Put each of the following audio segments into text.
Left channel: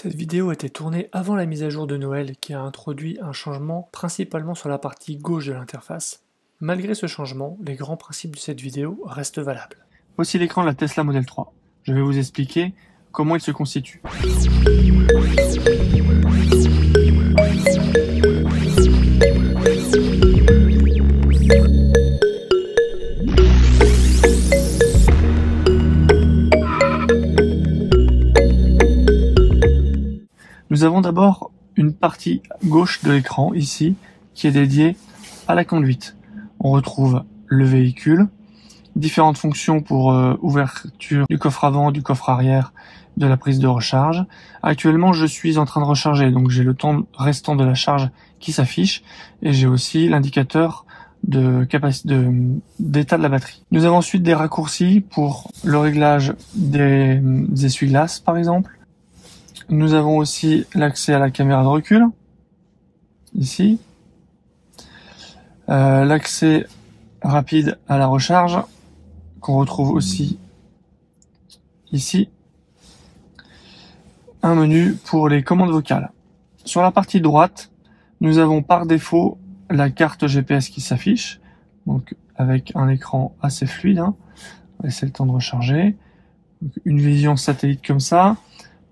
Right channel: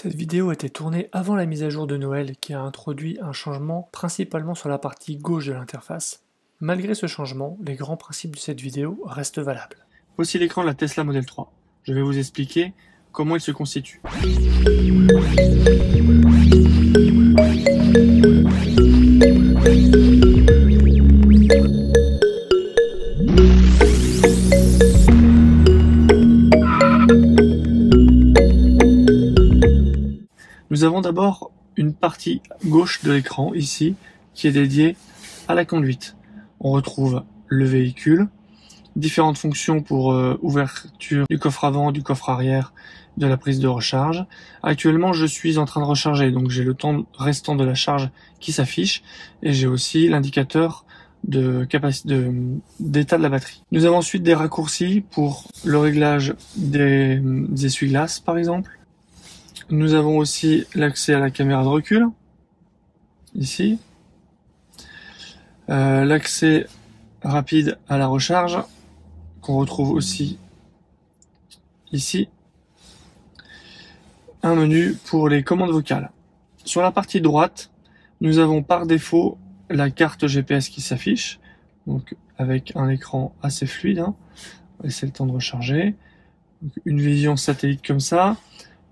Cette vidéo a été tournée avant la mise à jour de Noël qui a introduit un changement principalement sur la partie gauche de l'interface. Malgré ce changement, les grands principes de cette vidéo restent valables. Voici l'écran de la Tesla Model 3. Je vais vous expliquer comment il se constitue. Nous avons d'abord une partie gauche de l'écran, ici, qui est dédiée à la conduite. On retrouve le véhicule, différentes fonctions pour ouverture du coffre avant, du coffre arrière, de la prise de recharge. Actuellement, je suis en train de recharger, donc j'ai le temps restant de la charge qui s'affiche, et j'ai aussi l'indicateur d'état de la batterie. Nous avons ensuite des raccourcis pour le réglage des essuie-glaces, par exemple. Nous avons aussi l'accès à la caméra de recul, ici. L'accès rapide à la recharge, qu'on retrouve aussi ici. Un menu pour les commandes vocales. Sur la partie droite, nous avons par défaut la carte GPS qui s'affiche, donc avec un écran assez fluide. On va laisser le temps de recharger. Donc, une vision satellite comme ça.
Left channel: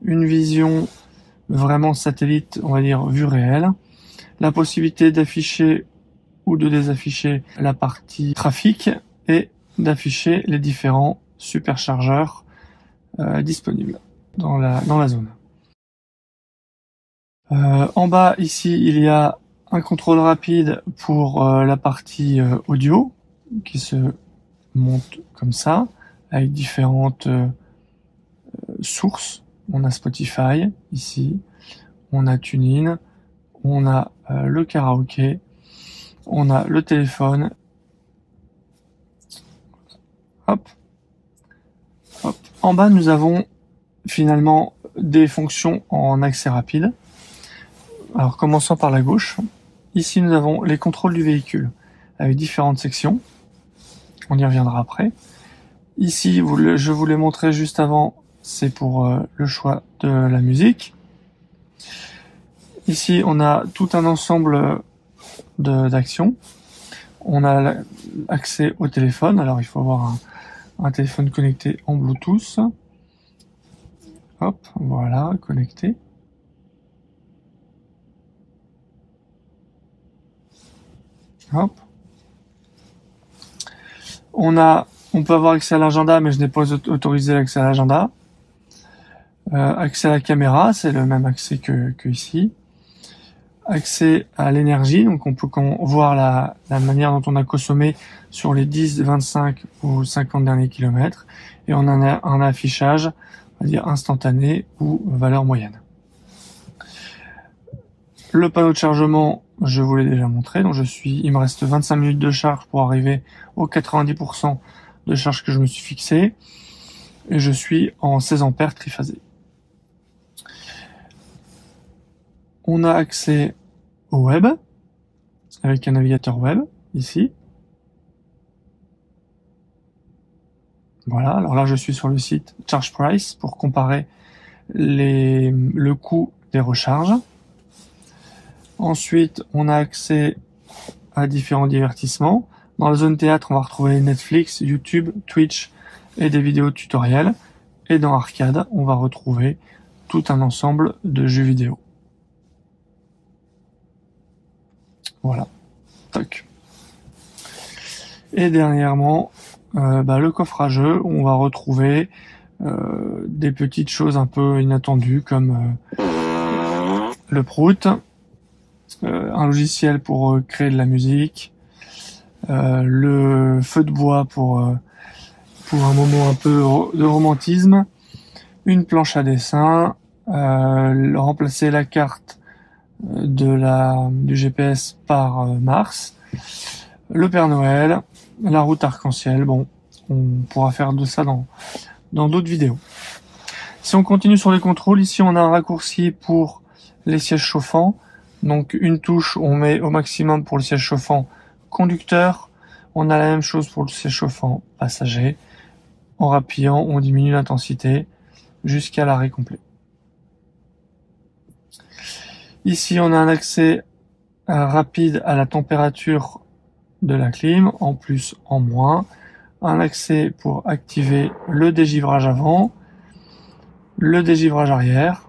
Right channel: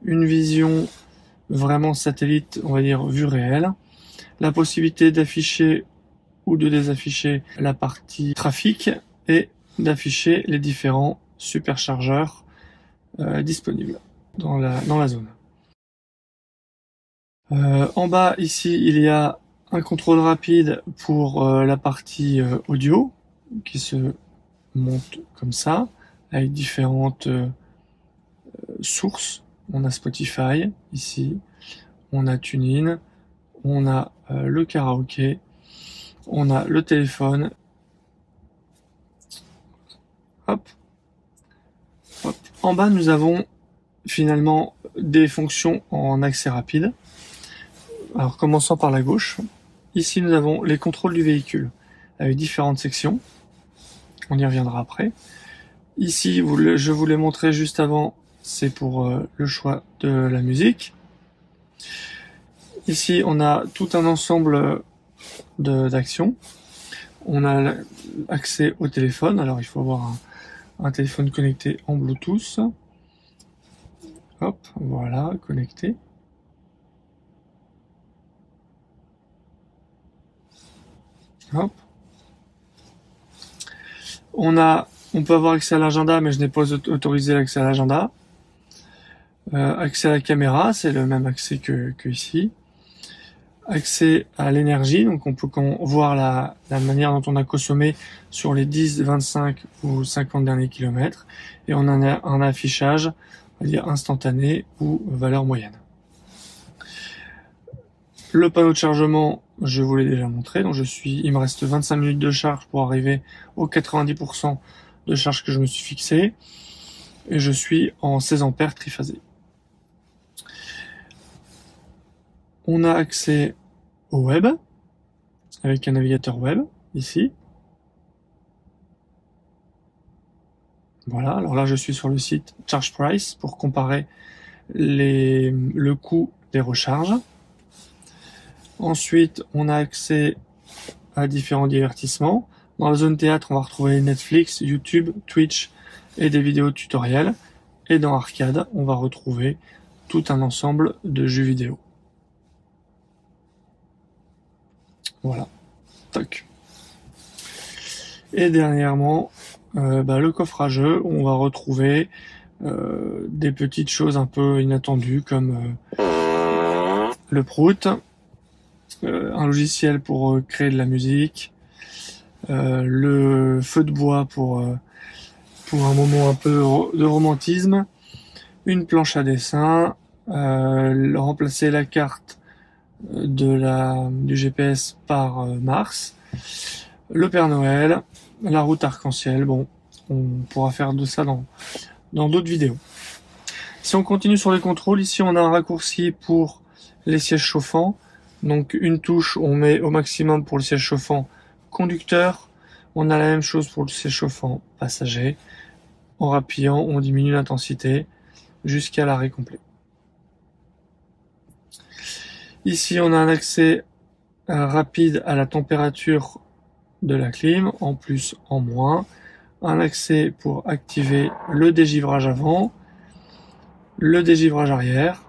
Une vision vraiment satellite, on va dire vue réelle, la possibilité d'afficher ou de désafficher la partie trafic et d'afficher les différents superchargeurs disponibles dans la zone. En bas ici, il y a un contrôle rapide pour la partie audio qui se monte comme ça avec différentes sources. On a Spotify ici, on a TuneIn, on a le karaoké, on a le téléphone. Hop. Hop. En bas, nous avons finalement des fonctions en accès rapide. Alors, commençons par la gauche. Ici, nous avons les contrôles du véhicule avec différentes sections. On y reviendra après. Ici, je vous l'ai montré juste avant. C'est pour le choix de la musique. Ici, on a tout un ensemble d'actions. On a accès au téléphone. Alors, il faut avoir un téléphone connecté en Bluetooth. Hop, voilà, connecté. Hop. On peut avoir accès à l'agenda, mais je n'ai pas autorisé l'accès à l'agenda. Accès à la caméra, c'est le même accès que ici. Accès à l'énergie, donc on peut voir la manière dont on a consommé sur les 10, 25 ou 50 derniers kilomètres. Et on en a un affichage, on va dire instantané ou valeur moyenne. Le panneau de chargement, je vous l'ai déjà montré, donc il me reste 25 minutes de charge pour arriver aux 90% de charge que je me suis fixé. Et je suis en 16 ampères triphasé. On a accès au web, avec un navigateur web, ici. Voilà, alors là je suis sur le site Charge Price pour comparer le coût des recharges. Ensuite, on a accès à différents divertissements. Dans la zone théâtre, on va retrouver Netflix, YouTube, Twitch et des vidéos tutoriels. Et dans Arcade, on va retrouver tout un ensemble de jeux vidéo. Voilà. Toc. Et dernièrement, le coffre à jeux, on va retrouver des petites choses un peu inattendues comme le Prout, un logiciel pour créer de la musique, le feu de bois pour un moment un peu de romantisme, une planche à dessin, remplacer la carte du GPS par Mars, le Père Noël, la route arc-en-ciel. Bon, on pourra faire de ça dans d'autres vidéos. Si on continue sur les contrôles, ici on a un raccourci pour les sièges chauffants. Donc une touche, on met au maximum pour le siège chauffant conducteur. On a la même chose pour le siège chauffant passager. En rappuyant, on diminue l'intensité jusqu'à l'arrêt complet. Ici, on a un accès rapide à la température de la clim, en plus, en moins. Un accès pour activer le dégivrage avant, le dégivrage arrière,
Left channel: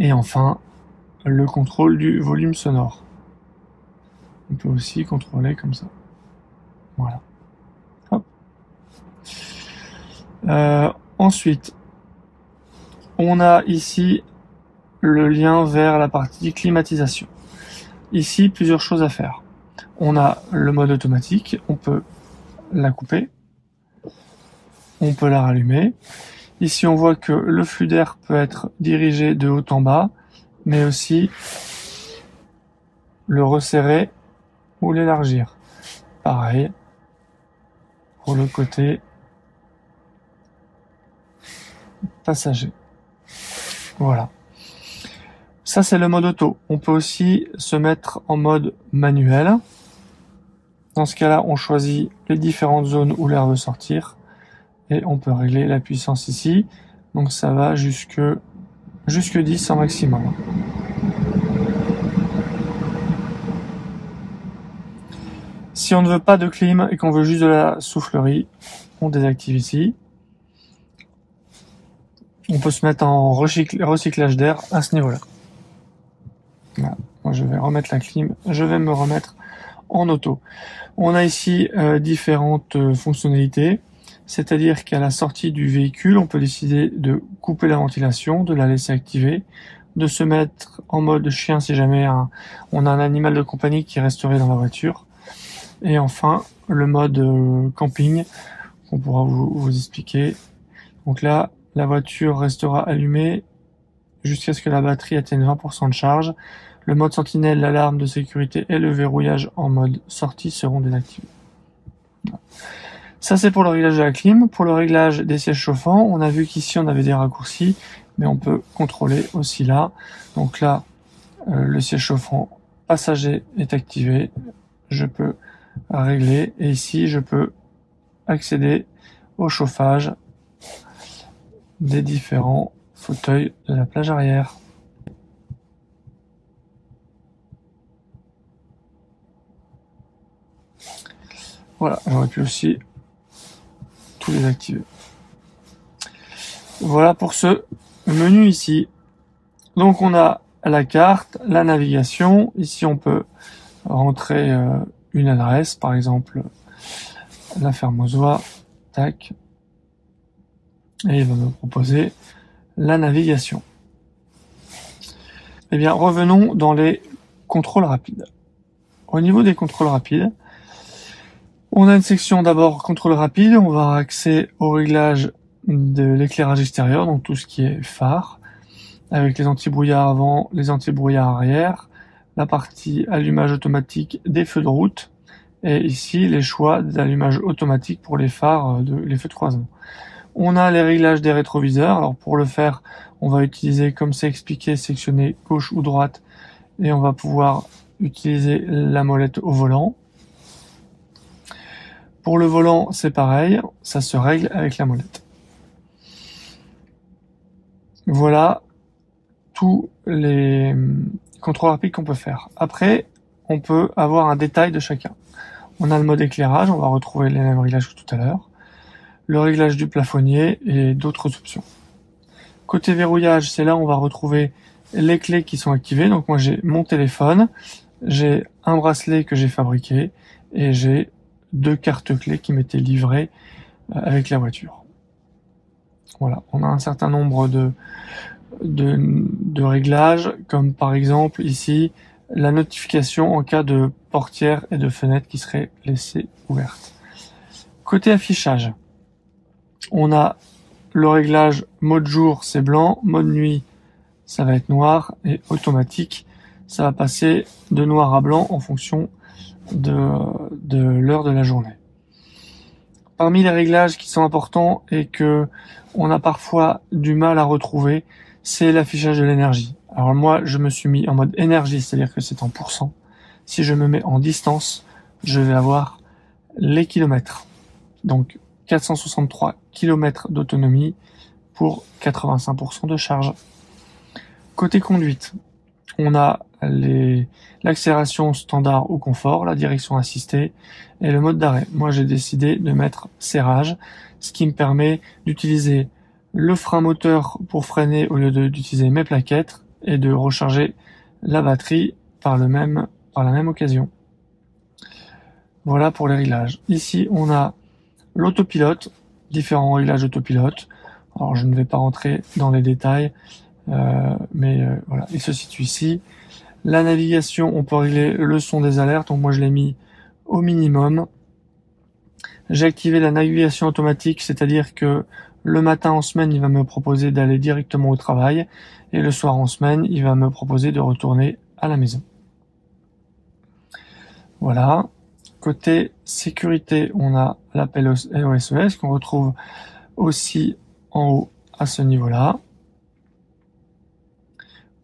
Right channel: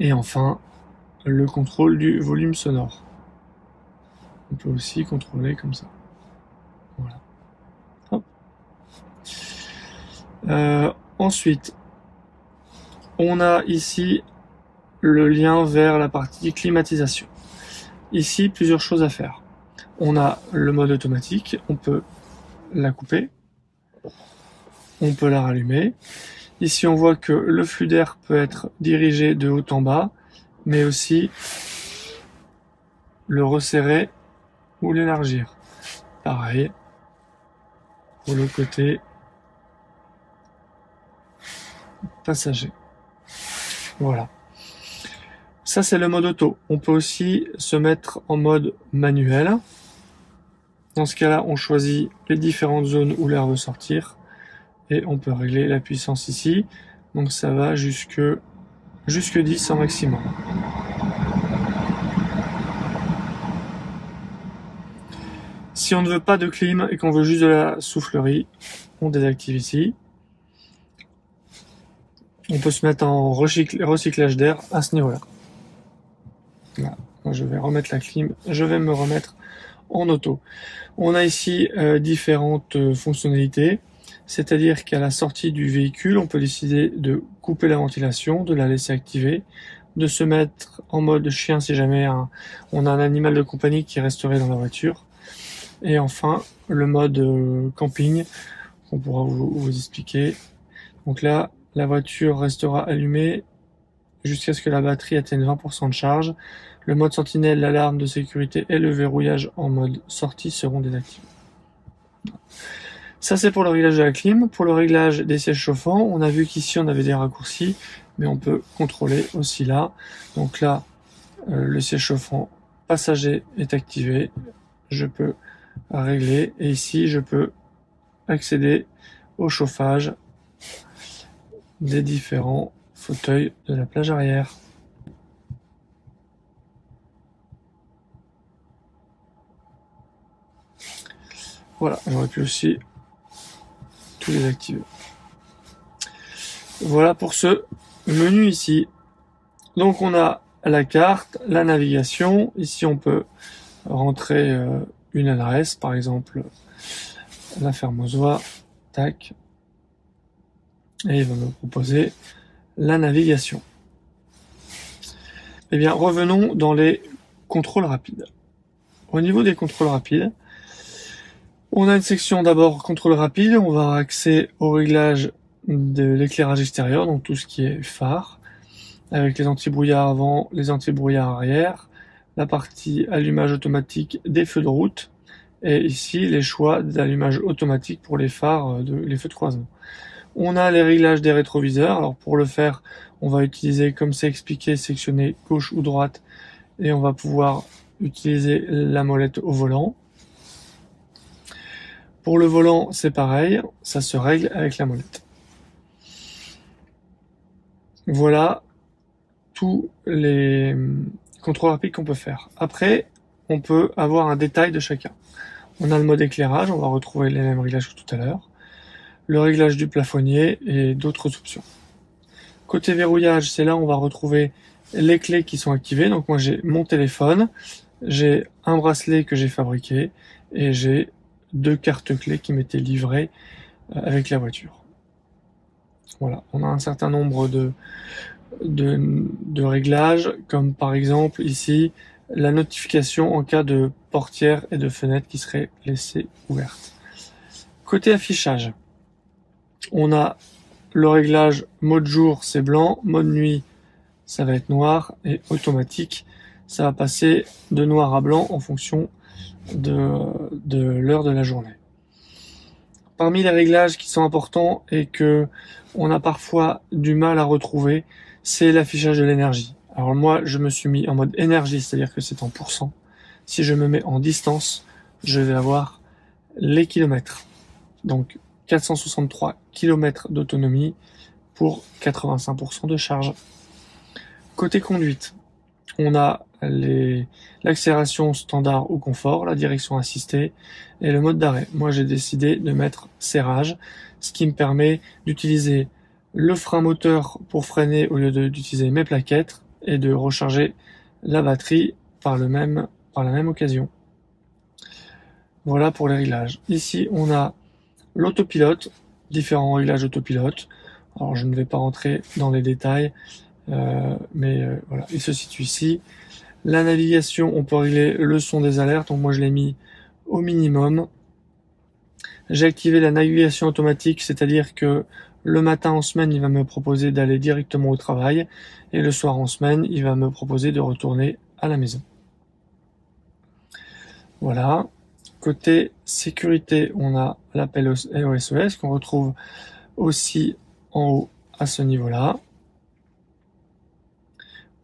et enfin, le contrôle du volume sonore. On peut aussi contrôler comme ça. Voilà. Hop. Ensuite, on a ici le lien vers la partie climatisation. Ici, plusieurs choses à faire. On a le mode automatique, on peut la couper, on peut la rallumer. Ici, on voit que le flux d'air peut être dirigé de haut en bas, mais aussi le resserrer ou l'élargir. Pareil pour le côté passager. Voilà. Ça, c'est le mode auto. On peut aussi se mettre en mode manuel. Dans ce cas-là, on choisit les différentes zones où l'air veut sortir et on peut régler la puissance ici. Donc ça va jusque 10 en maximum. Si on ne veut pas de clim et qu'on veut juste de la soufflerie, on désactive ici. On peut se mettre en recyclage d'air à ce niveau-là. Voilà. Moi, je vais remettre la clim, je vais me remettre en auto. On a ici différentes fonctionnalités, c'est-à-dire qu'à la sortie du véhicule, on peut décider de couper la ventilation, de la laisser activer, de se mettre en mode chien si jamais on a un animal de compagnie qui resterait dans la voiture. Et enfin, le mode camping, qu'on pourra vous expliquer. Donc là, la voiture restera allumée jusqu'à ce que la batterie atteigne 20% de charge. Le mode sentinelle, l'alarme de sécurité et le verrouillage en mode sortie seront désactivés. Ça, c'est pour le réglage de la clim. Pour le réglage des sièges chauffants, on a vu qu'ici, on avait des raccourcis, mais on peut contrôler aussi là. Donc là, le siège chauffant passager est activé. Je peux régler et ici, je peux accéder au chauffage des différents fauteuils de la plage arrière. Voilà, j'aurais pu aussi tout désactiver. Voilà pour ce menu ici. Donc on a la carte, la navigation. Ici on peut rentrer une adresse, par exemple la ferme aux oies. Tac. Et il va me proposer la navigation. Eh bien, revenons dans les contrôles rapides. Au niveau des contrôles rapides, on a une section d'abord contrôle rapide, on va avoir accès au réglage de l'éclairage extérieur, donc tout ce qui est phare, avec les anti-brouillards avant, les anti-brouillards arrière, la partie allumage automatique des feux de route, et ici les choix d'allumage automatique pour les phares, les feux de croisement. On a les réglages des rétroviseurs, alors pour le faire, on va utiliser, comme c'est expliqué, sectionner gauche ou droite, et on va pouvoir utiliser la molette au volant. Pour le volant, c'est pareil, ça se règle avec la molette. Voilà tous les contrôles rapides qu'on peut faire. Après, on peut avoir un détail de chacun. On a le mode éclairage, on va retrouver les mêmes réglages que tout à l'heure. Le réglage du plafonnier et d'autres options. Côté verrouillage, c'est là où on va retrouver les clés qui sont activées. Donc moi j'ai mon téléphone, j'ai un bracelet que j'ai fabriqué et j'ai 2 cartes clés qui m'étaient livrées avec la voiture. Voilà, on a un certain nombre de réglages, comme par exemple ici la notification en cas de portière et de fenêtre qui seraient laissées ouvertes. Côté affichage, on a le réglage mode jour, c'est blanc, mode nuit, ça va être noir, et automatique, ça va passer de noir à blanc en fonction de l'heure de la journée. Parmi les réglages qui sont importants et que on a parfois du mal à retrouver, c'est l'affichage de l'énergie. Alors moi, je me suis mis en mode énergie, c'est-à-dire que c'est en pourcent. Si je me mets en distance, je vais avoir les kilomètres. Donc 463 km d'autonomie pour 85% de charge. Côté conduite, on a l'accélération standard ou confort, la direction assistée et le mode d'arrêt. Moi j'ai décidé de mettre serrage, ce qui me permet d'utiliser le frein moteur pour freiner au lieu d'utiliser mes plaquettes et de recharger la batterie par la même occasion. Voilà pour les réglages. Ici on a l'autopilote, différents réglages d'autopilote. Alors je ne vais pas rentrer dans les détails, mais voilà, il se situe ici. La navigation, on peut régler le son des alertes, donc moi je l'ai mis au minimum. J'ai activé la navigation automatique, c'est-à-dire que le matin en semaine, il va me proposer d'aller directement au travail, et le soir en semaine, il va me proposer de retourner à la maison. Voilà. Côté sécurité, on a l'appel au SOS qu'on retrouve aussi en haut à ce niveau-là.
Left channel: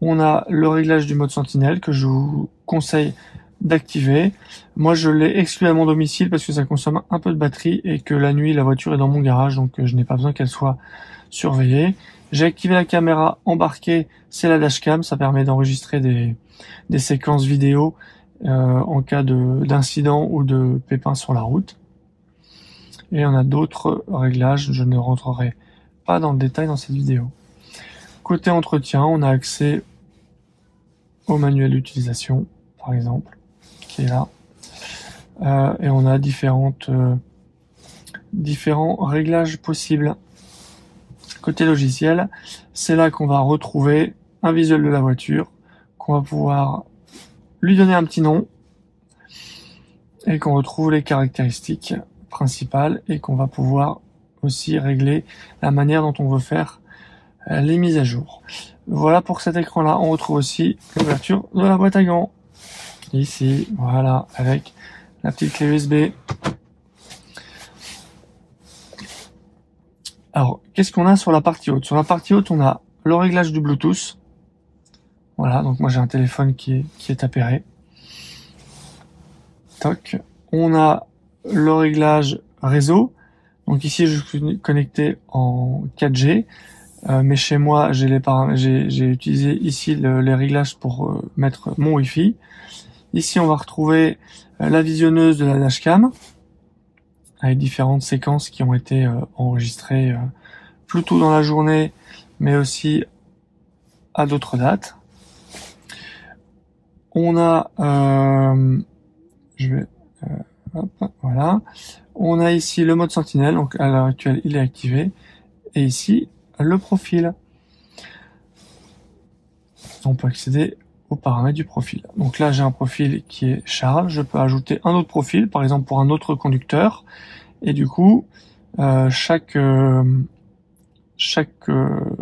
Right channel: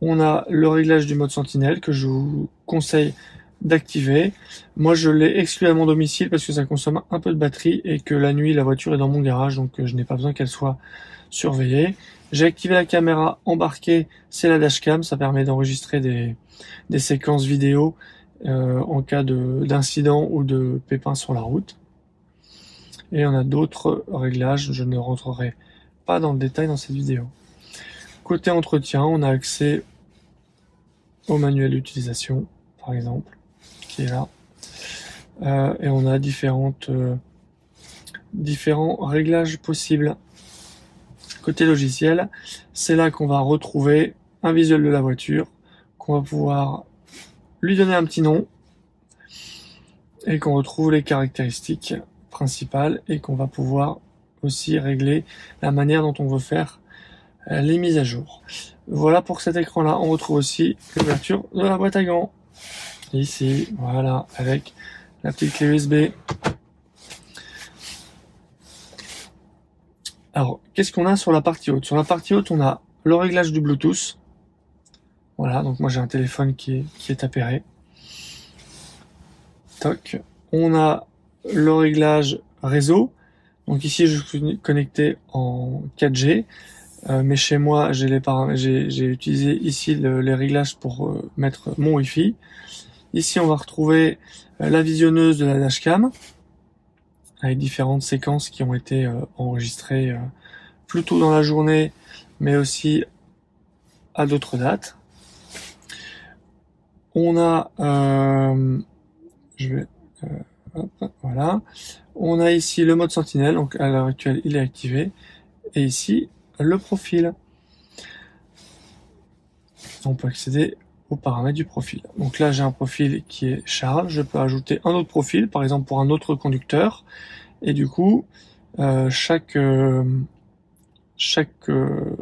On a le réglage du mode sentinelle que je vous conseille d'activer. Moi je l'ai exclu à mon domicile parce que ça consomme un peu de batterie et que la nuit la voiture est dans mon garage, donc je n'ai pas besoin qu'elle soit surveillée. J'ai activé la caméra embarquée, c'est la dashcam, ça permet d'enregistrer des séquences vidéo en cas d'incident ou de pépin sur la route. Et on a d'autres réglages, je ne rentrerai pas dans le détail dans cette vidéo. Côté entretien, on a accès au manuel d'utilisation, par exemple, qui est là. Et on a différents réglages possibles. Côté logiciel, c'est là qu'on va retrouver un visuel de la voiture, qu'on va pouvoir lui donner un petit nom, et qu'on retrouve les caractéristiques principales, et qu'on va pouvoir aussi régler la manière dont on veut faire les mises à jour. Voilà pour cet écran-là. On retrouve aussi l'ouverture de la boîte à gants. Ici, voilà, avec la petite clé USB. Alors, qu'est-ce qu'on a sur la partie haute? Sur la partie haute, on a le réglage du Bluetooth. Voilà, donc moi j'ai un téléphone qui est appairé. Toc. On a le réglage réseau. Donc ici, je suis connecté en 4G. Mais chez moi, j'ai utilisé ici les réglages pour mettre mon Wi-Fi. Ici, on va retrouver la visionneuse de la dashcam avec différentes séquences qui ont été enregistrées plus tôt dans la journée, mais aussi à d'autres dates. On a, voilà, on a ici le mode sentinelle, donc à l'heure actuelle, il est activé, et ici le profil. On peut accéder aux paramètres du profil. Donc là, j'ai un profil qui est Charles. Je peux ajouter un autre profil, par exemple pour un autre conducteur. Et du coup, chaque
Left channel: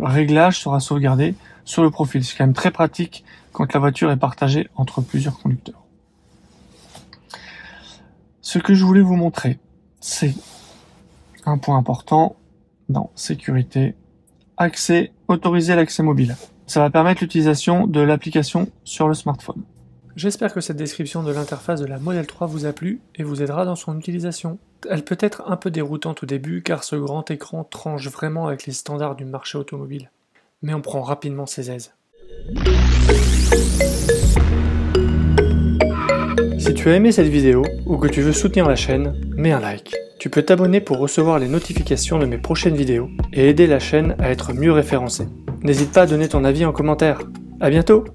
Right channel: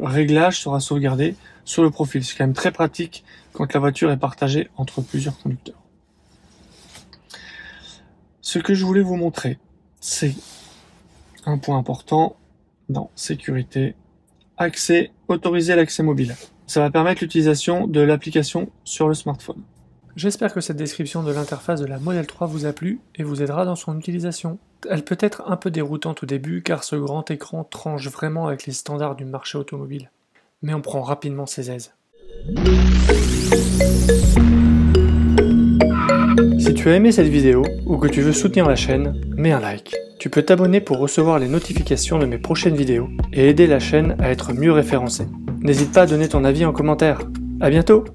réglage sera sauvegardé sur le profil. C'est quand même très pratique quand la voiture est partagée entre plusieurs conducteurs. Ce que je voulais vous montrer, c'est un point important dans sécurité. Autoriser l'accès mobile. Ça va permettre l'utilisation de l'application sur le smartphone. J'espère que cette description de l'interface de la Model 3 vous a plu et vous aidera dans son utilisation. Elle peut être un peu déroutante au début car ce grand écran tranche vraiment avec les standards du marché automobile. Mais on prend rapidement ses aises. Si tu as aimé cette vidéo ou que tu veux soutenir la chaîne, mets un like. Tu peux t'abonner pour recevoir les notifications de mes prochaines vidéos et aider la chaîne à être mieux référencée. N'hésite pas à donner ton avis en commentaire. À bientôt!